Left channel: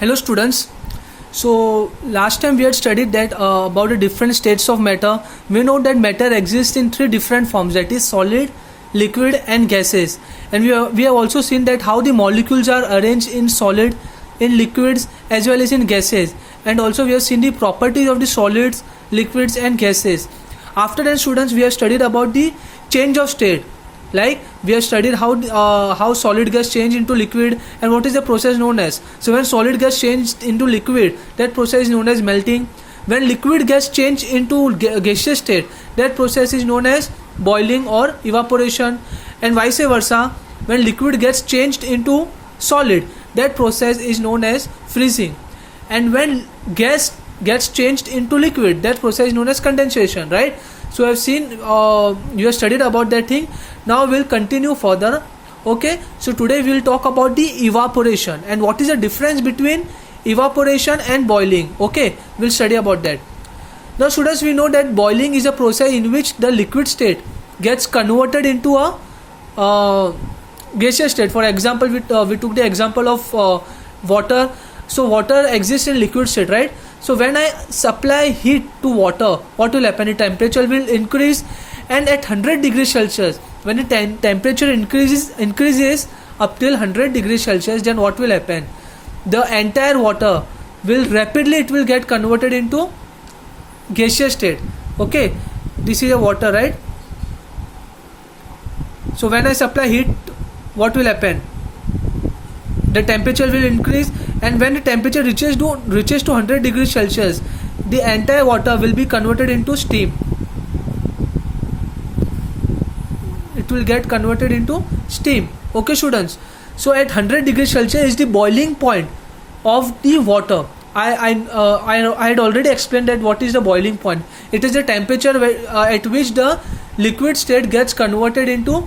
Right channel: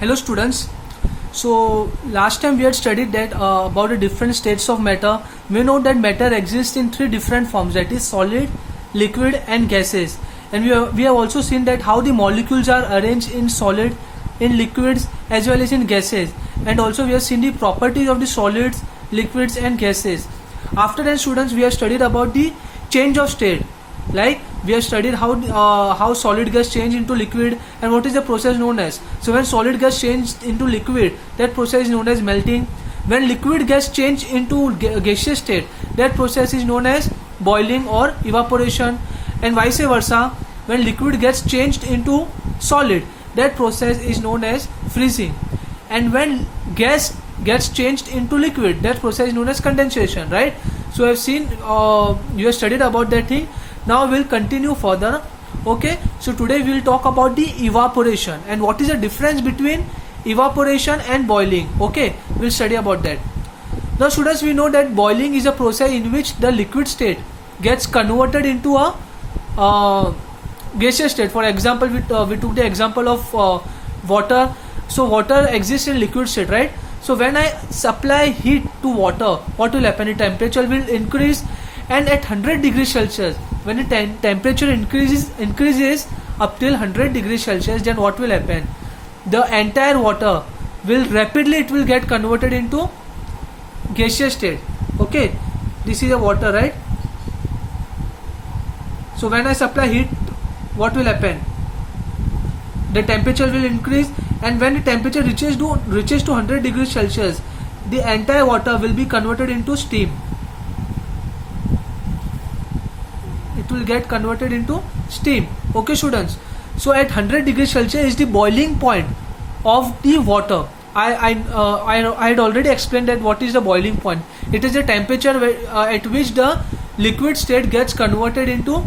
Hello students. So last time we had studied that about the different states of matter. We know that matter exists in three different forms, that is solid, liquid and gases. And we have also seen that how the molecules are arranged in solid, in liquids as well as in gases. And also we have seen the properties of the solids, liquids and gases. After that students, we have studied about the change of state. Like we have studied how solid gas change into liquid and what is the process known as. So when solid gas changed into liquid, that process is known as melting. When liquid gas change into gaseous state, that process is known as boiling or evaporation. And vice versa, when liquid gets changed into solid, that process is known as freezing. And when gas gets changed into liquid, that process is known as condensation, right? So I've seen you have studied about that thing. Now we'll continue further. Okay, so today we'll talk about the evaporation and what is the difference between evaporation and boiling. Okay, we'll study about that. Now students, we know that boiling is a process in which the liquid state gets converted into a gaseous state. For example, we took the example of water. So water exists in liquid state, right? So when I supply heat to water, what will happen? The temperature will increase, and at 100 degrees Celsius, when the temperature increases up till 100 degrees Celsius, then what will happen? The entire water will rapidly get converted into gaseous state. Okay, this is a water, right? So when I supply heat, what will happen? The temperature will increase, and when the temperature reaches to 100 degrees Celsius, the entire water will be converted into steam. It will get converted into steam. Okay students, so at 100 degrees Celsius is the boiling point of the water. I had already explained that what is the boiling point. It is the temperature at which the liquid state gets converted into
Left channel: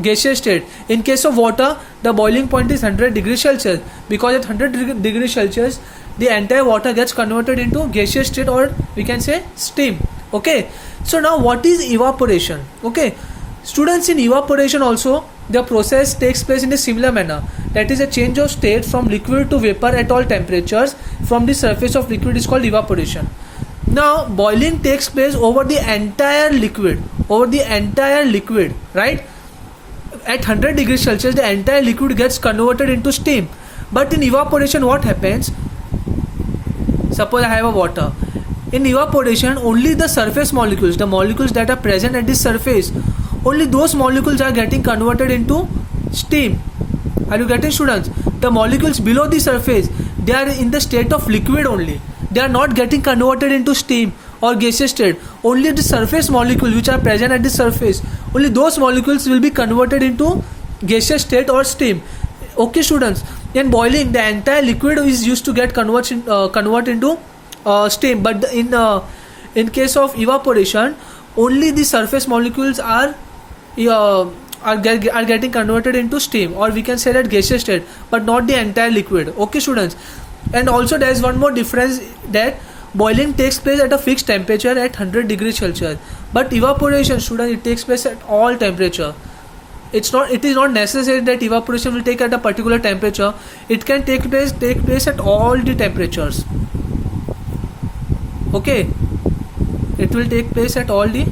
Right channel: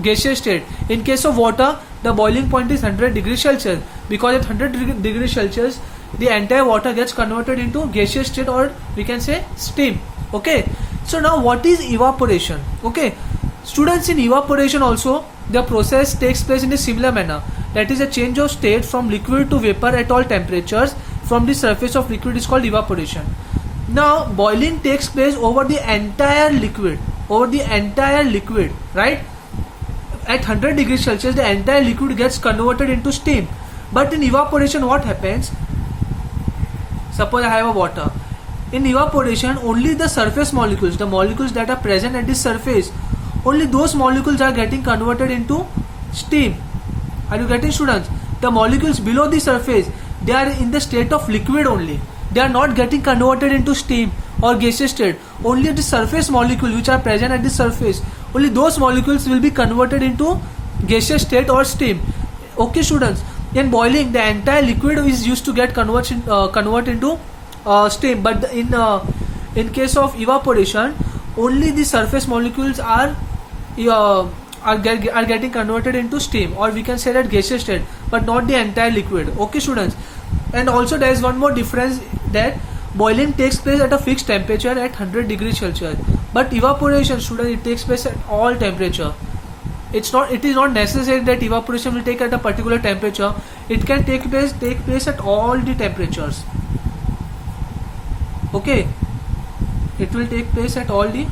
gaseous state. In case of water, the boiling point is 100 degrees Celsius, because at 100 degrees Celsius the entire water gets converted into gaseous state, or we can say steam. Okay, so now what is evaporation? Okay students, in evaporation also the process takes place in a similar manner, that is a change of state from liquid to vapor at all temperatures from the surface of liquid is called evaporation. Now boiling takes place over the entire liquid, right? At 100 degrees Celsius the entire liquid gets converted into steam. But in evaporation what happens? Suppose I have a water. In evaporation, only the surface molecules, the molecules that are present at the surface, only those molecules are getting converted into steam. Are you getting students? The molecules below the surface, they are in the state of liquid only. They are not getting converted into steam or gaseous state. Only the surface molecules which are present at the surface, only those molecules will be converted into gaseous state or steam. Okay students, in boiling the entire liquid is used to get convert into steam, but in case of evaporation, only the surface molecules are getting converted into steam, or we can say that gaseous state, but not the entire liquid. Okay students, and also there is one more difference, that boiling takes place at a fixed temperature at 100 degrees Celsius, but evaporation students, it takes place at all temperature. It is not necessary that evaporation will take at a particular temperature. It can take place at all the temperatures. Okay, it will take place at all the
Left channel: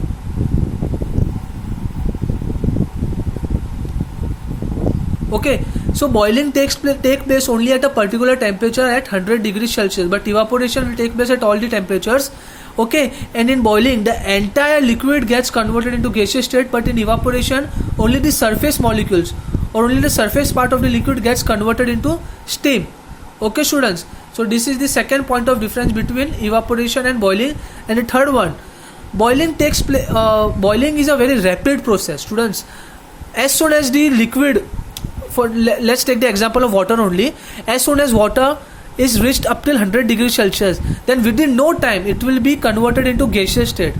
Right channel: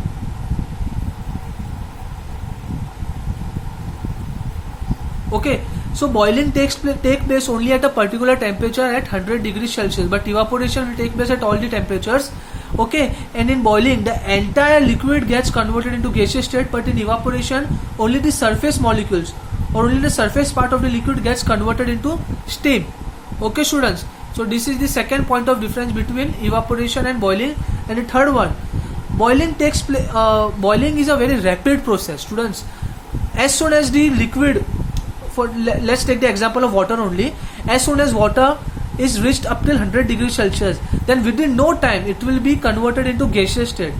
okay. So boiling take place only at a particular temperature at 100 degrees Celsius, but evaporation will take place at all the temperatures. Okay, and in boiling the entire liquid gets converted into gaseous state, but in evaporation only the surface molecules or only the surface part of the liquid gets converted into steam. Okay students, so this is the second point of difference between evaporation and boiling. And the third one, boiling boiling is a very rapid process students. As soon as the liquid, let's take the example of water only, as soon as water is reached up till 100 degrees Celsius, then within no time it will be converted into gaseous state.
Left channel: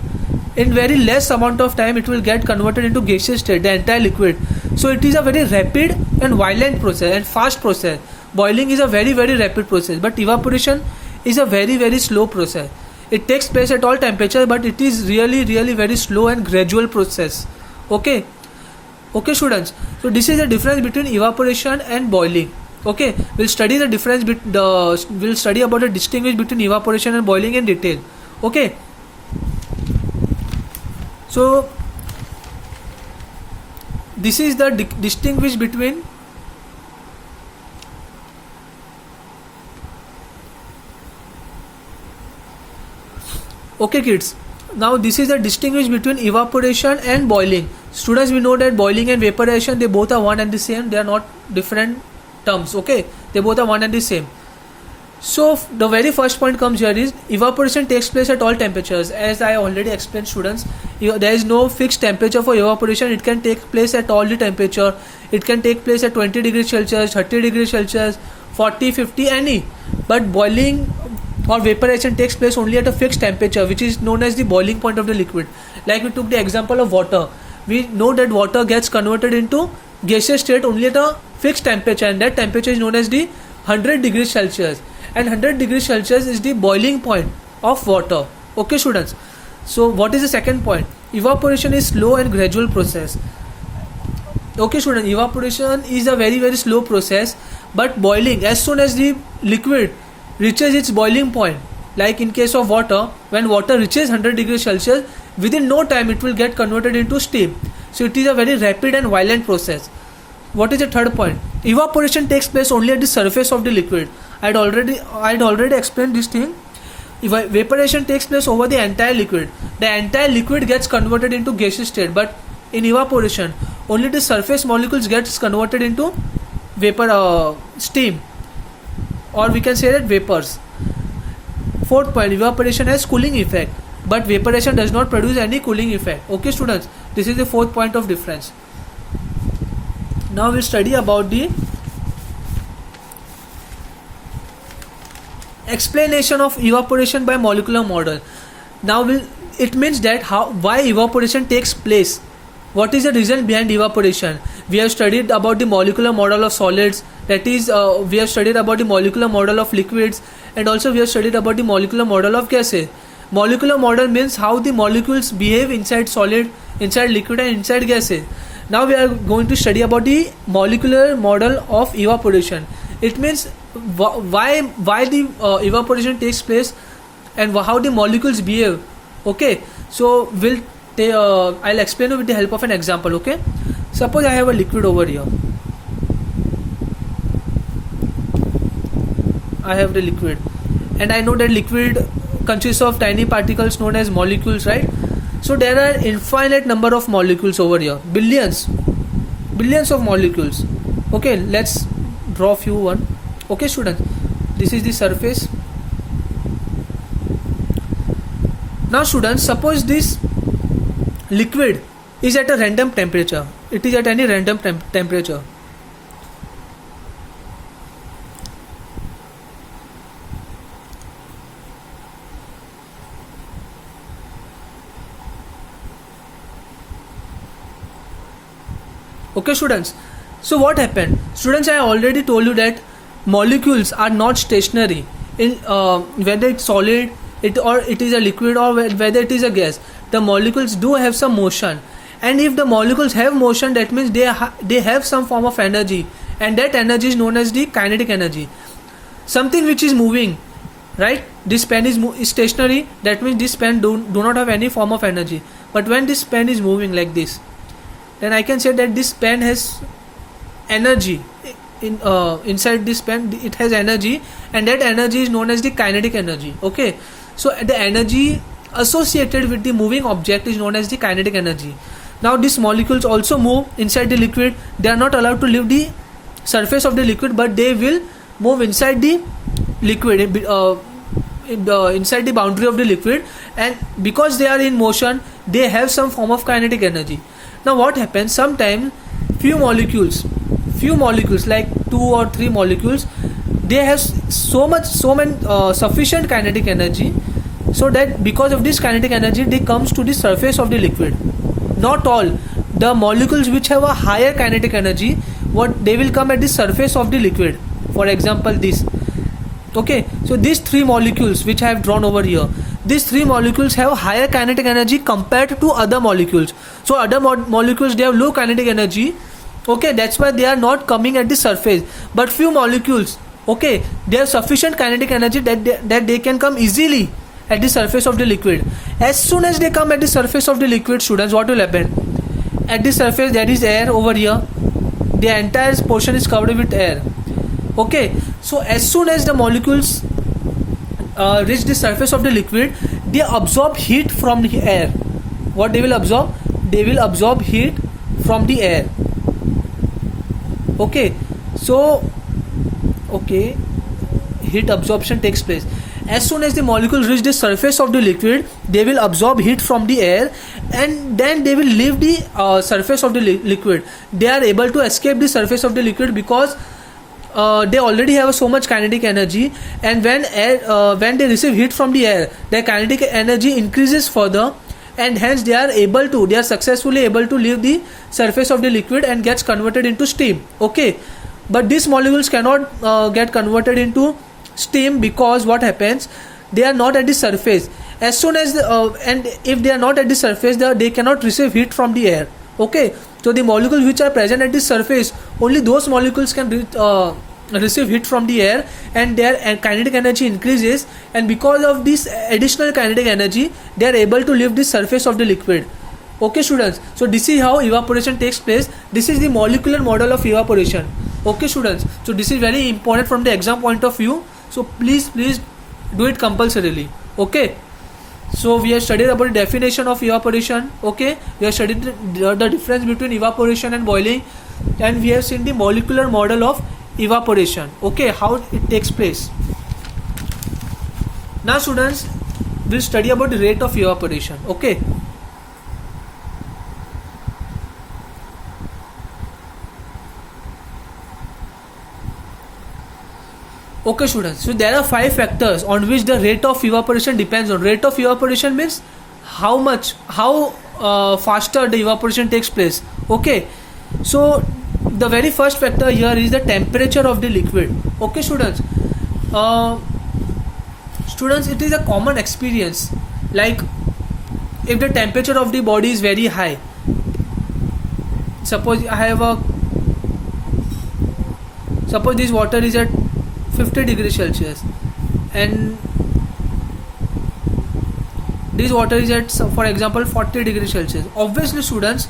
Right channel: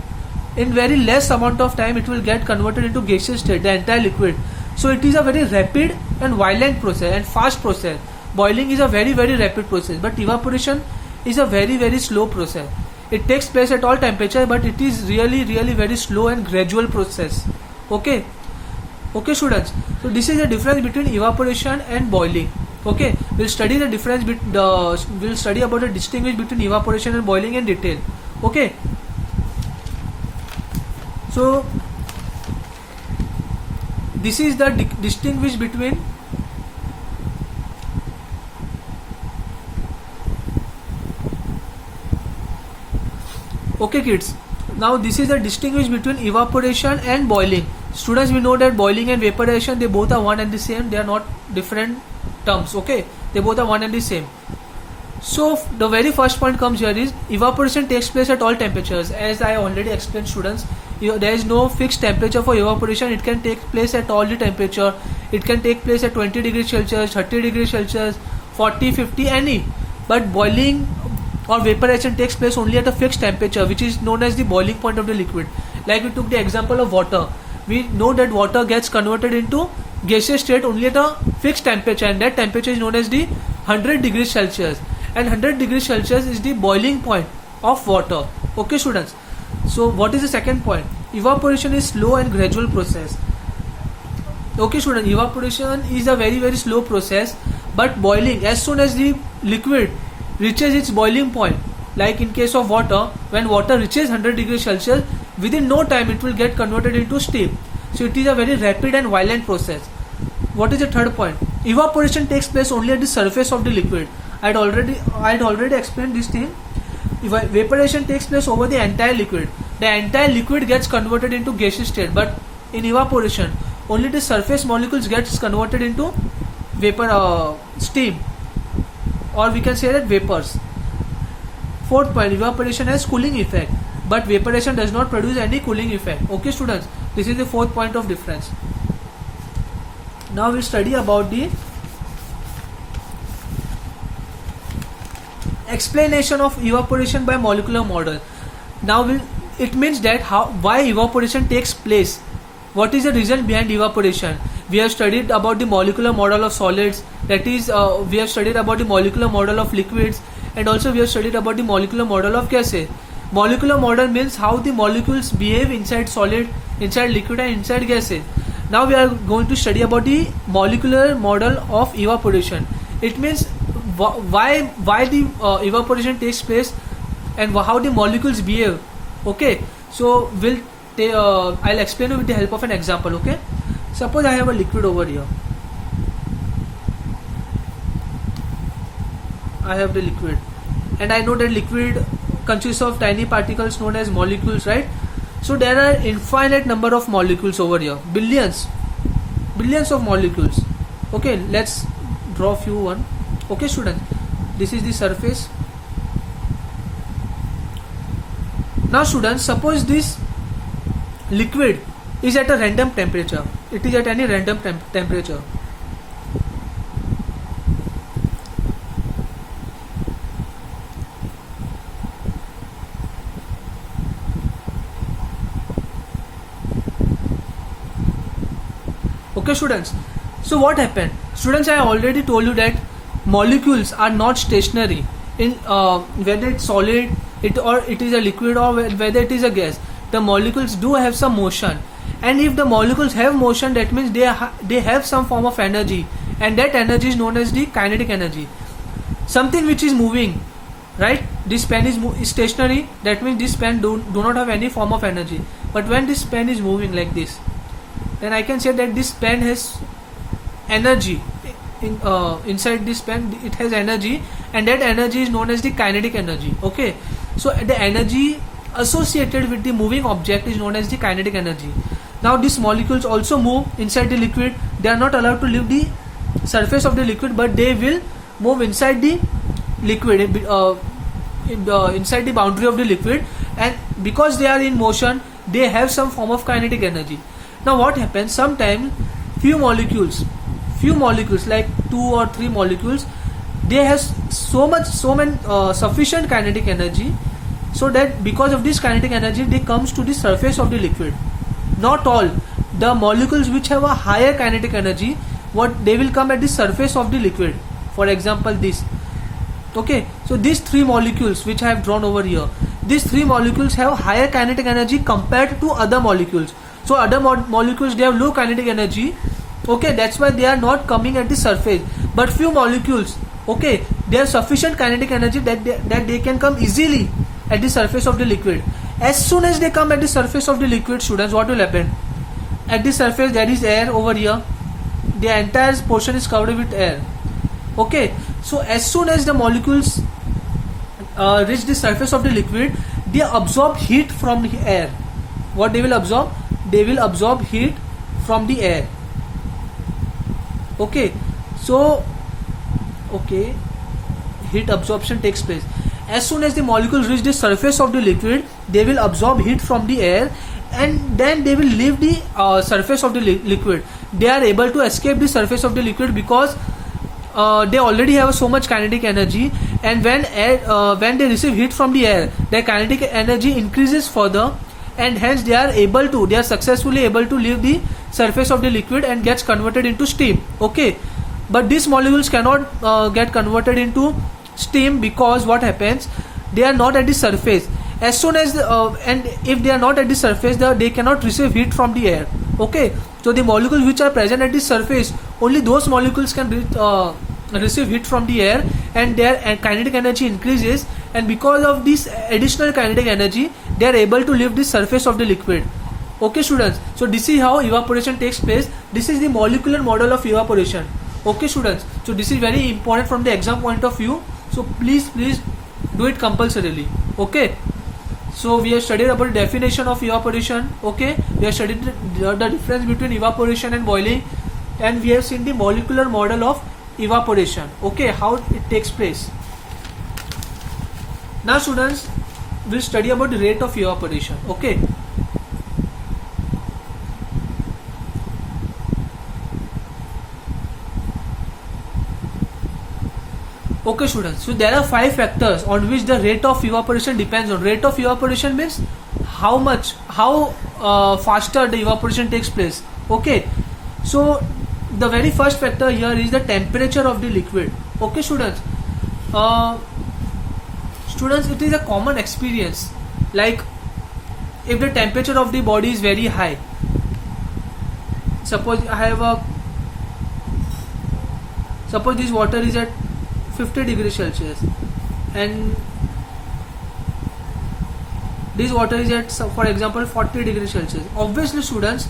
In very less amount of time it will get converted into gaseous state, the entire liquid. So it is a very rapid and violent process and fast process. Boiling is a very rapid process, but evaporation is a very slow process. It takes place at all temperatures, but it is really very slow and gradual process. Okay students, so this is the difference between evaporation and boiling. Okay, we'll study the difference we'll study about the distinguish between evaporation and boiling in detail. Okay, so this is the distinguish between okay kids, now this is the distinguish between evaporation and boiling. Students, we know that boiling and vaporization, they both are one and the same, they are not different terms. Okay, they both are one and the same. So the very first point comes here is evaporation takes place at all temperatures. As I already explained, students, there is no fixed temperature for evaporation. It can take place at all the temperature. It can take place at 20 degrees Celsius, 30 degrees Celsius, 40, 50, any. But boiling or vaporization takes place only at a fixed temperature, which is known as the boiling point of the liquid. Like we took the example of water. We know that water gets converted into gaseous state only at a fixed temperature, and that temperature is known as the 100 degrees Celsius. And 100 degrees Celsius is the boiling point of water. Okay, students. So what is the second point? Evaporation is slow and gradual process. Okay, students, evaporation is a very, very slow process, but boiling, as soon as the liquid reaches its boiling point, like in case of water, when water reaches 100 degrees Celsius, within no time it will get converted into steam. So it is a very rapid and violent process. What is the third point? Evaporation takes place only at the surface of the liquid. I had already explained this thing. Vaporization takes place over the entire liquid. The entire liquid gets converted into gaseous state, but in evaporation, only the surface molecules gets converted into vapor, steam, or we can say that vapors. Fourth point, evaporation has cooling effect, but vaporization does not produce any cooling effect. Okay, students, this is the fourth point of difference. Now we'll study about the explanation of evaporation by molecular model. Now it means that why evaporation takes place. What is the reason behind evaporation? We have studied about the molecular model of solids, that is we have studied about the molecular model of liquids, and also we have studied about the molecular model of gases. Molecular model means how the molecules behave inside solid, inside liquid, and inside gases. Now we are going to study about the molecular model of evaporation. It means why the evaporation takes place and how the molecules behave. Okay, so I'll explain it with the help of an example. Okay, suppose I have a liquid over here. I have the liquid, and I know that liquid consists of tiny particles known as molecules, right? So there are infinite number of molecules over here, billions of molecules. Okay, let's draw few one. Okay, student, this is the surface. Now students, suppose this liquid is at a random temperature. It is at any random temperature. Okay, students, so what happened? Students, I already told you that molecules are not stationary in whether it's solid or it is a liquid, or whether it is a gas. The molecules do have some motion, and if the molecules have motion, that means they have some form of energy, and that energy is known as the kinetic energy. Something which is moving, right? This pen is stationary, that means this pen do not have any form of energy. But when this pen is moving like this, then I can say that this pen has energy. Inside this pen, it has energy, and that energy is known as the kinetic energy. Okay, so the energy associated with the moving object is known as the kinetic energy. Now these molecules also move inside the liquid. They are not allowed to leave the surface of the liquid, but they will move inside the liquid, inside the boundary of the liquid, and because they are in motion, they have some form of kinetic energy. Now what happens? Sometimes few molecules like 2 or 3 molecules, they have sufficient kinetic energy, so that because of this kinetic energy, they comes to the surface of the liquid. Not all the molecules which have a higher kinetic energy, they will come at the surface of the liquid. For example, this. Okay, so these 3 molecules which I have drawn over here, these 3 molecules have higher kinetic energy compared to other molecules. So other molecules, they have low kinetic energy. Okay, that's why they are not coming at the surface. but few molecules, okay, they have sufficient kinetic energy that they can come easily at the surface of the liquid. As soon as they come at the surface of the liquid, students, what will happen? At the surface there is air over here, the entire portion is covered with air, okay. So as soon as the molecules reach the surface of the liquid, they absorb heat from the air. What they will absorb? They will absorb heat from the air, okay. So okay, heat absorption takes place. As soon as the molecules reach the surface of the liquid, they will absorb heat from the air, and then they will leave the surface of the liquid. They are able to escape the surface of the liquid because they already have so much kinetic energy, and when they receive heat from the air, their kinetic energy increases further, and hence they are successfully able to leave the surface of the liquid and gets converted into steam, okay. But these molecules cannot get converted into steam because what happens? They are not at the surface. As soon as and if they are not at the surface, they cannot receive heat from the air, okay. So the molecules which are present at the surface, only those molecules can receive heat from the air, and their kinetic energy increases, and because of this additional kinetic energy, they are able to leave the surface of the liquid, okay students. So this is how evaporation takes place. This is the molecular model of evaporation, okay students. So this is very important from the exam point of view, so please do it compulsorily, okay. So we have studied about the definition of evaporation, okay. We have studied the difference between evaporation and boiling, and we have seen the molecular model of evaporation, okay, how it takes place. Now students, we'll study about the rate of evaporation, okay. Okay students, so there are 5 factors on which the rate of evaporation depends on. Rate of evaporation means how faster the evaporation takes place, okay. So the very first factor here is the temperature of the liquid, okay students. Students, it is a common experience, like if the temperature of the body is very high, suppose this water is at 50 degrees Celsius and this water is at, for example, 40 degrees Celsius. Obviously students,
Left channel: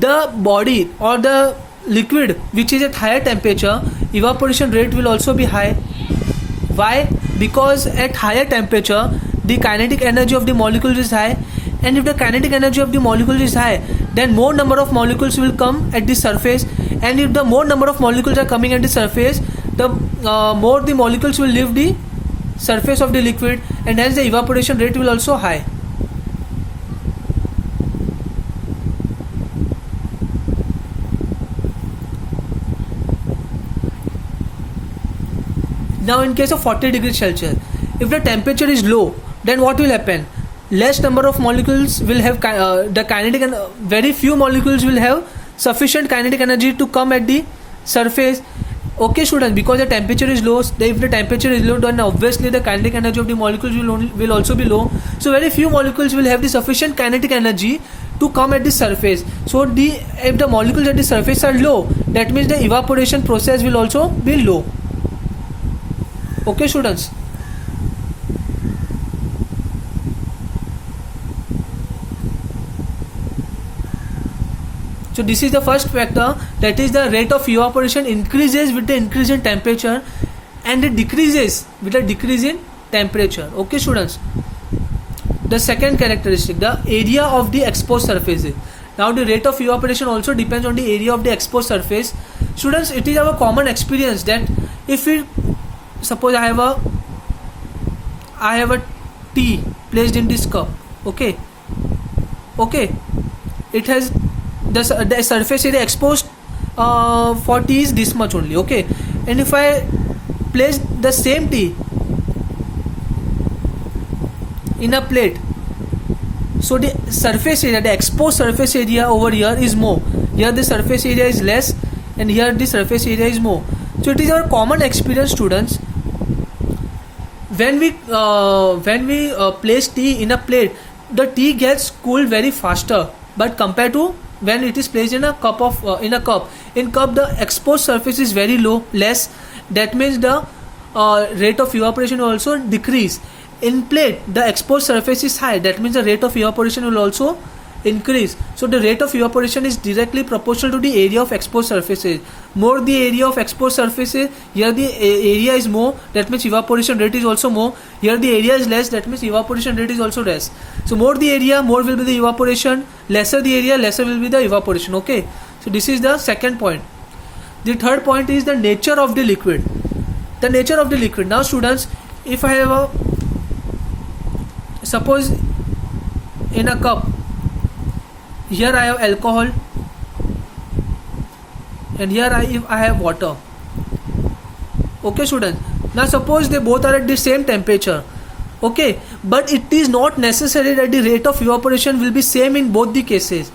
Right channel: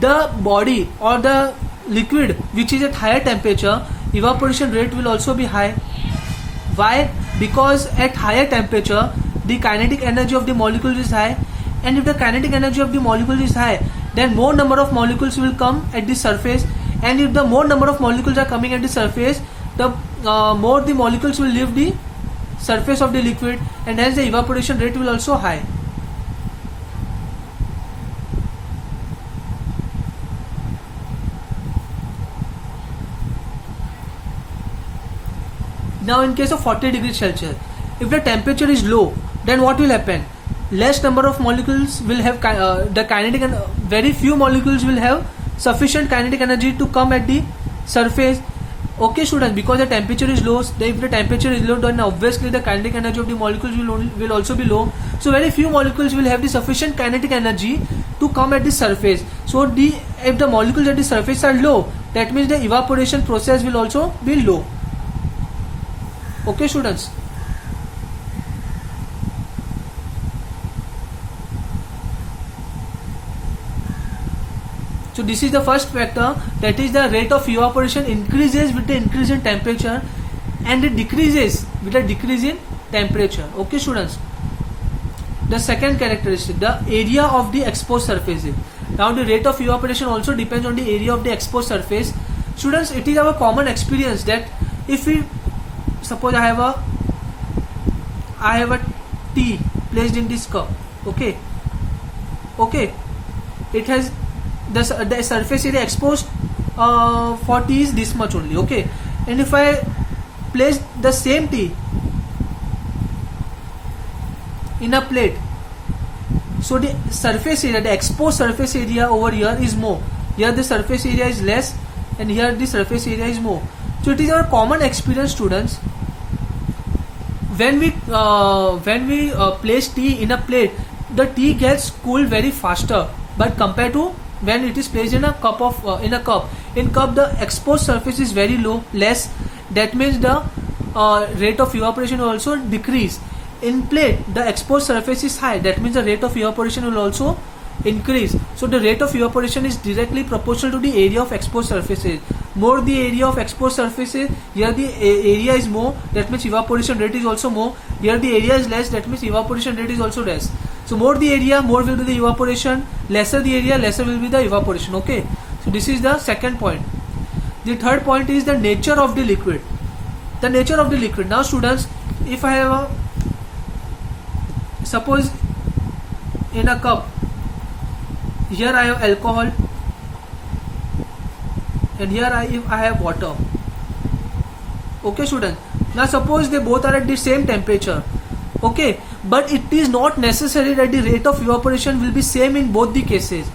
the body or the liquid which is at higher temperature, evaporation rate will also be high. Why? Because at higher temperature the kinetic energy of the molecules is high, and if the kinetic energy of the molecules is high, then more number of molecules will come at the surface, and if the more number of molecules are coming at the surface, the more the molecules will leave the surface of the liquid, and hence the evaporation rate will also high. Now in case of 40 degrees Celsius, if the temperature is low, then what will happen? Less number of molecules will have the kinetic, and very few molecules will have sufficient kinetic energy to come at the surface, okay students. Because the temperature is low, if the temperature is low, then obviously the kinetic energy of the molecules will also be low. So very few molecules will have the sufficient kinetic energy to come at the surface. So if the molecules at the surface are low, that means the evaporation process will also be low, okay students. So this is the first factor, that is the rate of evaporation increases with the increase in temperature and it decreases with the decrease in temperature, okay students. The second characteristic, the area of the exposed surfaces. Now the rate of evaporation also depends on the area of the exposed surface. Students, it is our common experience that if we suppose I have a tea placed in this cup, okay, it has the surface area exposed for tea is this much only, okay. And if I place the same tea in a plate, so the surface area, the exposed surface area over here is more. Here the surface area is less, and here the surface area is more. So it is our common experience, students. When we place tea in a plate, the tea gets cooled very faster, but compared to when it is placed in a cup. In In cup, the exposed surface is very low, less. That means the rate of evaporation will also decrease. In plate, the exposed surface is high. That means the rate of evaporation will also increase. So the rate of evaporation is directly proportional to the area of exposed surfaces. More the area of exposed surfaces, here the area is more, that means evaporation rate is also more. Here the area is less, that means evaporation rate is also less. So more the area, more will be the evaporation. Lesser the area, lesser will be the evaporation. Okay, so this is the second point. The third point is the nature of the liquid. The nature of the liquid. Now students, if I have a, suppose in a cup, here I have alcohol and here I have water. Okay students, now suppose they both are at the same temperature. Okay, but it is not necessary that the rate of evaporation will be same in both the cases.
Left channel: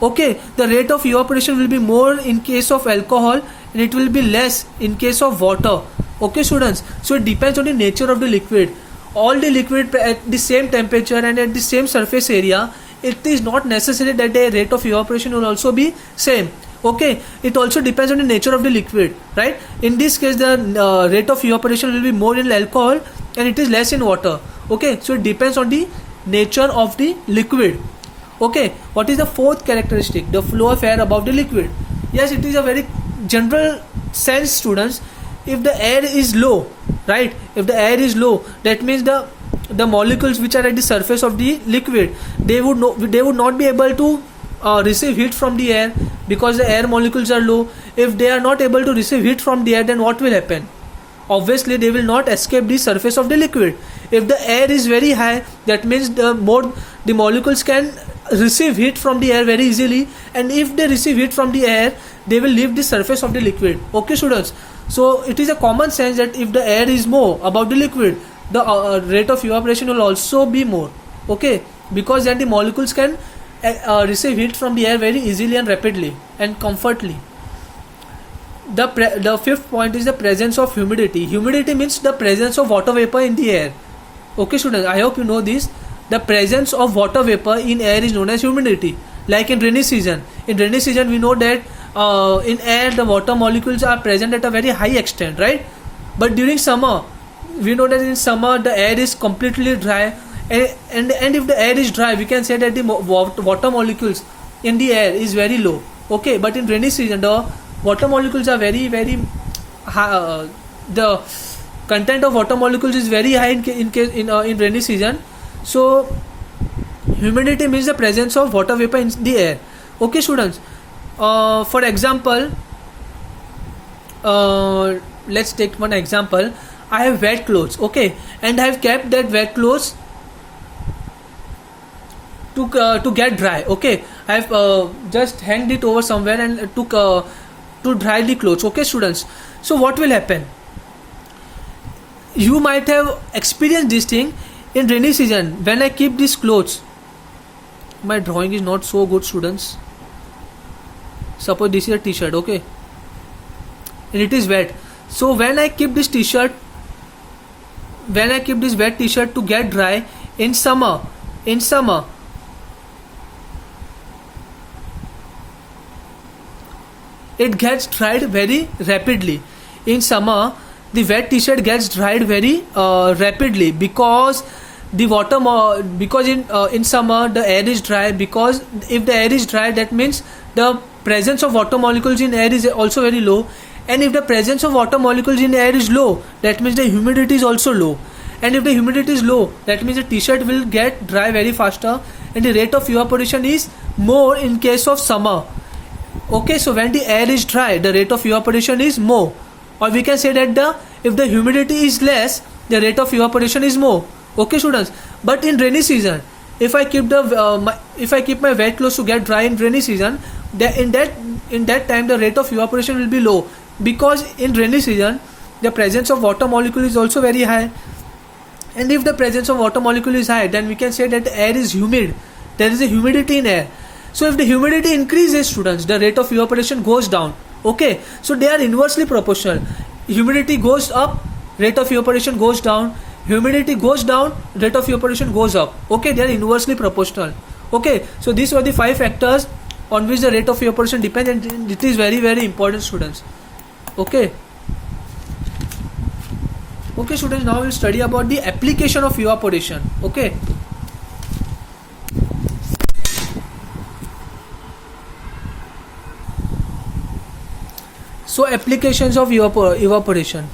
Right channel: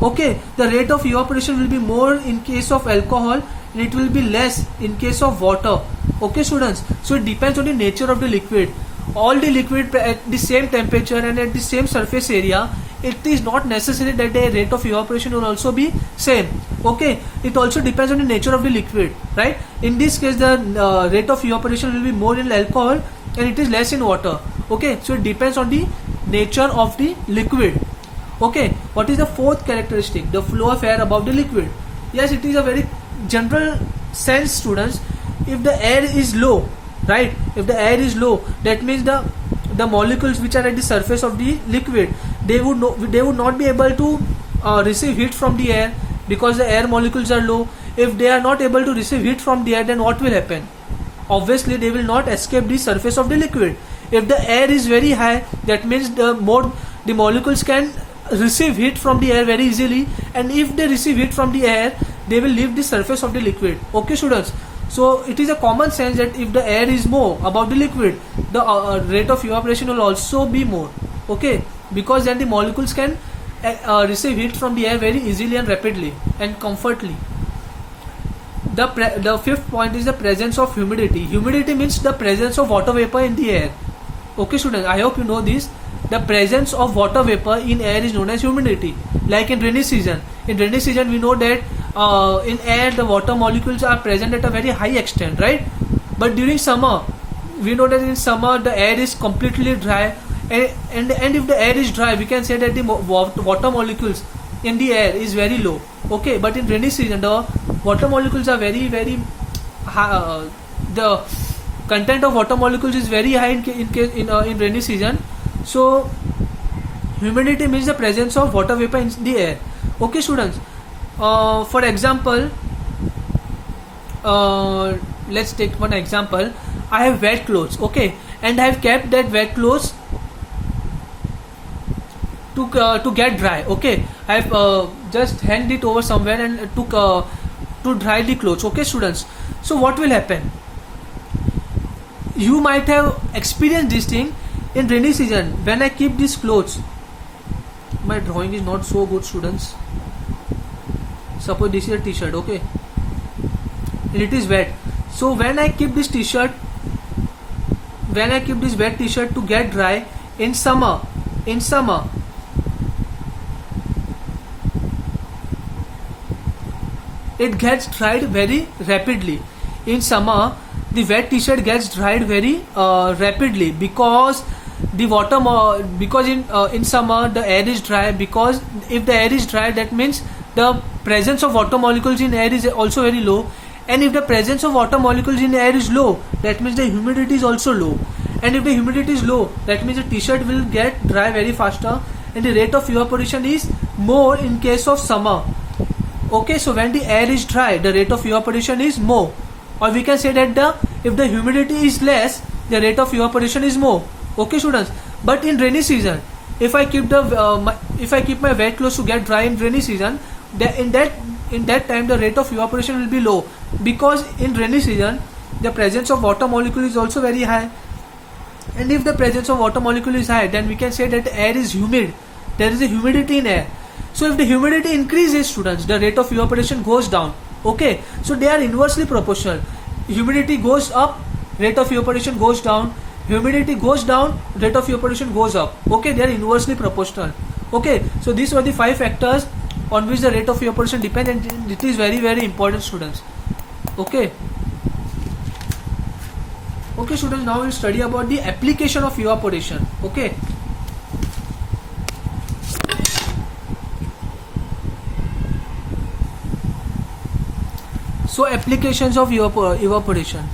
Okay, the rate of evaporation will be more in case of alcohol and it will be less in case of water. Okay students, so it depends on the nature of the liquid. All the liquid at the same temperature and at the same surface area, it is not necessary that the rate of evaporation will also be same. Okay, it also depends on the nature of the liquid, right? In this case, the rate of evaporation will be more in alcohol and it is less in water. Okay, so it depends on the nature of the liquid. Okay, what is the fourth characteristic? The flow of air above the liquid. Yes, it is a very general sense, students. If the air is low, right, if the air is low, that means the molecules which are at the surface of the liquid, they would not be able to receive heat from the air because the air molecules are low. If they are not able to receive heat from the air, then what will happen? Obviously they will not escape the surface of the liquid. If the air is very high, that means the molecules can receive heat from the air very easily, and if they receive heat from the air, they will leave the surface of the liquid. Okay students, so it is a common sense that if the air is more above the liquid, the rate of evaporation will also be more. Okay, because then the molecules can receive heat from the air very easily and rapidly and comfortably. The fifth point is the presence of humidity. Humidity means the presence of water vapor in the air. Okay students, I hope you know this. The presence of water vapor in air is known as humidity. Like in rainy season. In rainy season we know that in air the water molecules are present at a very high extent, right? But during summer, we know that in summer the air is completely dry, and if the air is dry, we can say that the water molecules in the air is very low. Okay, but in rainy season the water molecules are very high. The content of water molecules is very high in rainy season. So humidity means the presence of water vapor in the air. Okay students, for example, let's take one example. I have wet clothes, okay, and I have kept that wet clothes to get dry. Okay, I have just hanged it over somewhere and to dry the clothes. Okay students, so what will happen? You might have experienced this thing in rainy season. When I keep these clothes, my drawing is not so good students. Suppose this is a t-shirt, okay, and it is wet. So when I keep this t-shirt, when I keep this wet t-shirt to get dry in summer, it gets dried very rapidly. In summer, the wet t-shirt gets dried very rapidly because the water because in summer the air is dry. Because if the air is dry, that means the presence of water molecules in air is also very low, and if the presence of water molecules in air is low, that means the humidity is also low, and if the humidity is low, that means the t-shirt will get dry very faster, and the rate of evaporation is more in case of summer. Okay, so when the air is dry, the rate of evaporation is more, or we can say that if the humidity is less, the rate of evaporation is more. Okay students, but in rainy season, if I keep my wet clothes to get dry in rainy season, in that time the rate of evaporation will be low, because in rainy season the presence of water molecule is also very high, and if the presence of water molecule is high, then we can say that the air is humid. There is a humidity in air. So if the humidity increases, students, the rate of evaporation goes down. Okay, so they are inversely proportional. Humidity goes up, rate of evaporation goes down. Humidity goes down, rate of evaporation goes up. Okay, they are inversely proportional. Okay, so these were the 5 factors on which the rate of evaporation depends, and it is very very important, students. Okay. Okay, students, now we will study about the application of evaporation. Okay. So applications of evaporation.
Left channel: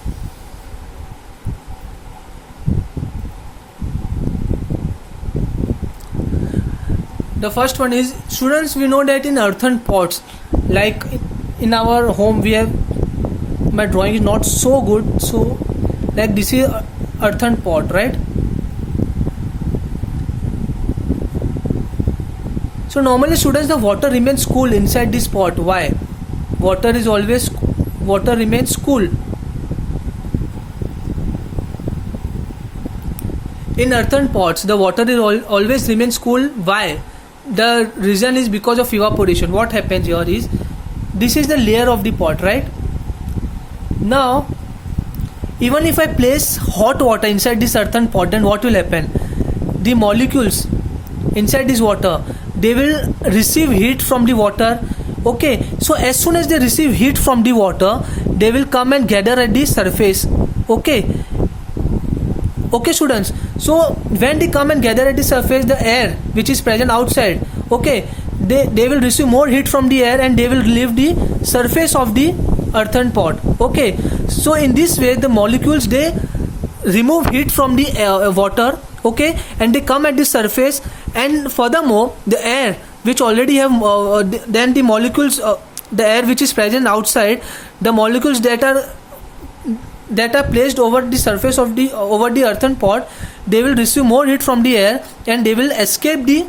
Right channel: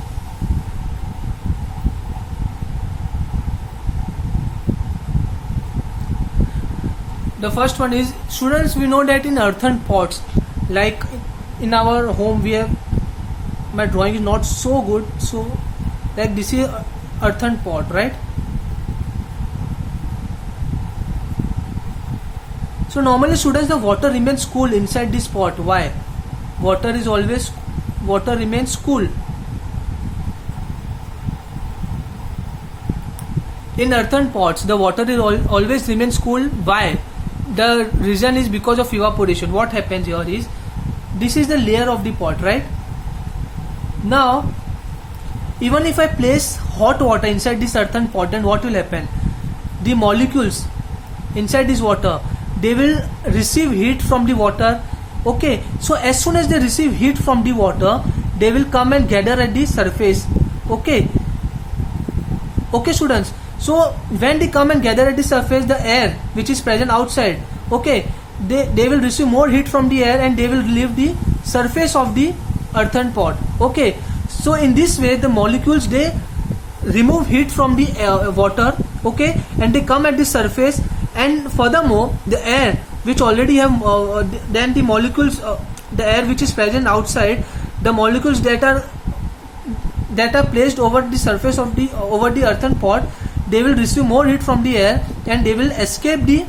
The first one is, students, we know that in earthen pots, like in our home, we have, my drawing is not so good, so like this is earthen pot, right? So normally, students, the water remains cool inside this pot. Why? Water remains cool in earthen pots. The water is always remains cool. Why? The reason is because of evaporation. What happens here is, this is the layer of the pot, right? Now, even if I place hot water inside this earthen pot, then what will happen? The molecules inside this water, they will receive heat from the water. Okay, so as soon as they receive heat from the water, they will come and gather at the surface. Okay, students, so when they come and gather at the surface, the air which is present outside, okay, they will receive more heat from the air, and they will leave the surface of the earthen pot. Okay, so in this way, the molecules, they remove heat from the water, okay, and they come at the surface. And furthermore, the air which already have then the molecules, the air which is present outside, the molecules that are placed over the surface of the over the earthen pot, they will receive more heat from the air, and they will escape the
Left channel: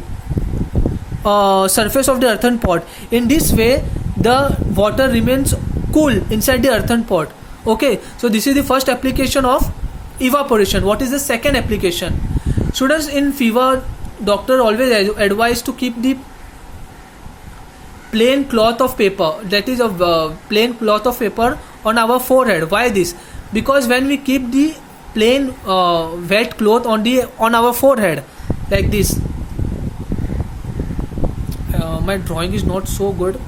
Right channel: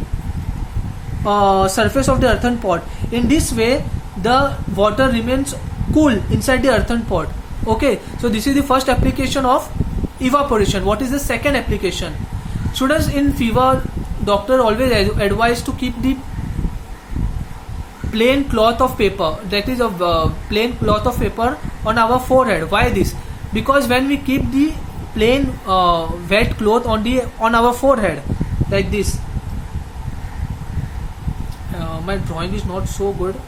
surface of the earthen pot. In this way, the water remains cool inside the earthen pot. Okay, so this is the first application of evaporation. What is the second application? Students, in fever, doctor always advise to keep the plain cloth of paper, that is a plain cloth of paper on our forehead. Why this? Because when we keep the plain wet cloth on our forehead like this, my drawing is not so good.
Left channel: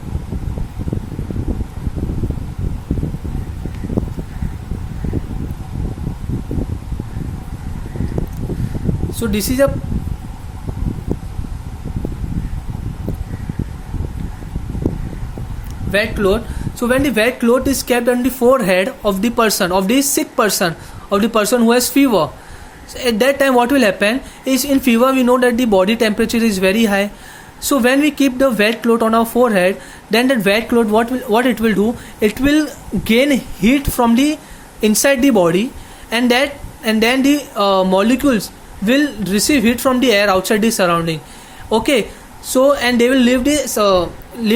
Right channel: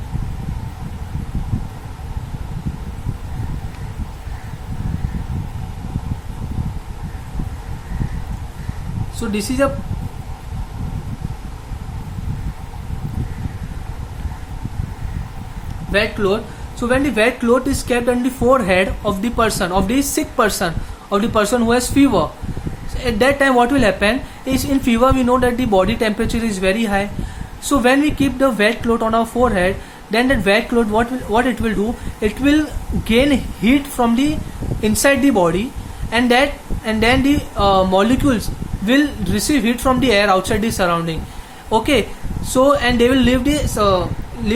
So this is a wet cloth. So when the wet cloth is kept on the forehead of the person, of the sick person, of the person who has fever, so at that time what will happen is, in fever we know that the body temperature is very high. So when we keep the wet cloth on our forehead, then that wet cloth, what it will do, it will gain heat from the inside the body, and then the molecules will receive heat from the air outside the surrounding. Okay, so and they will leave the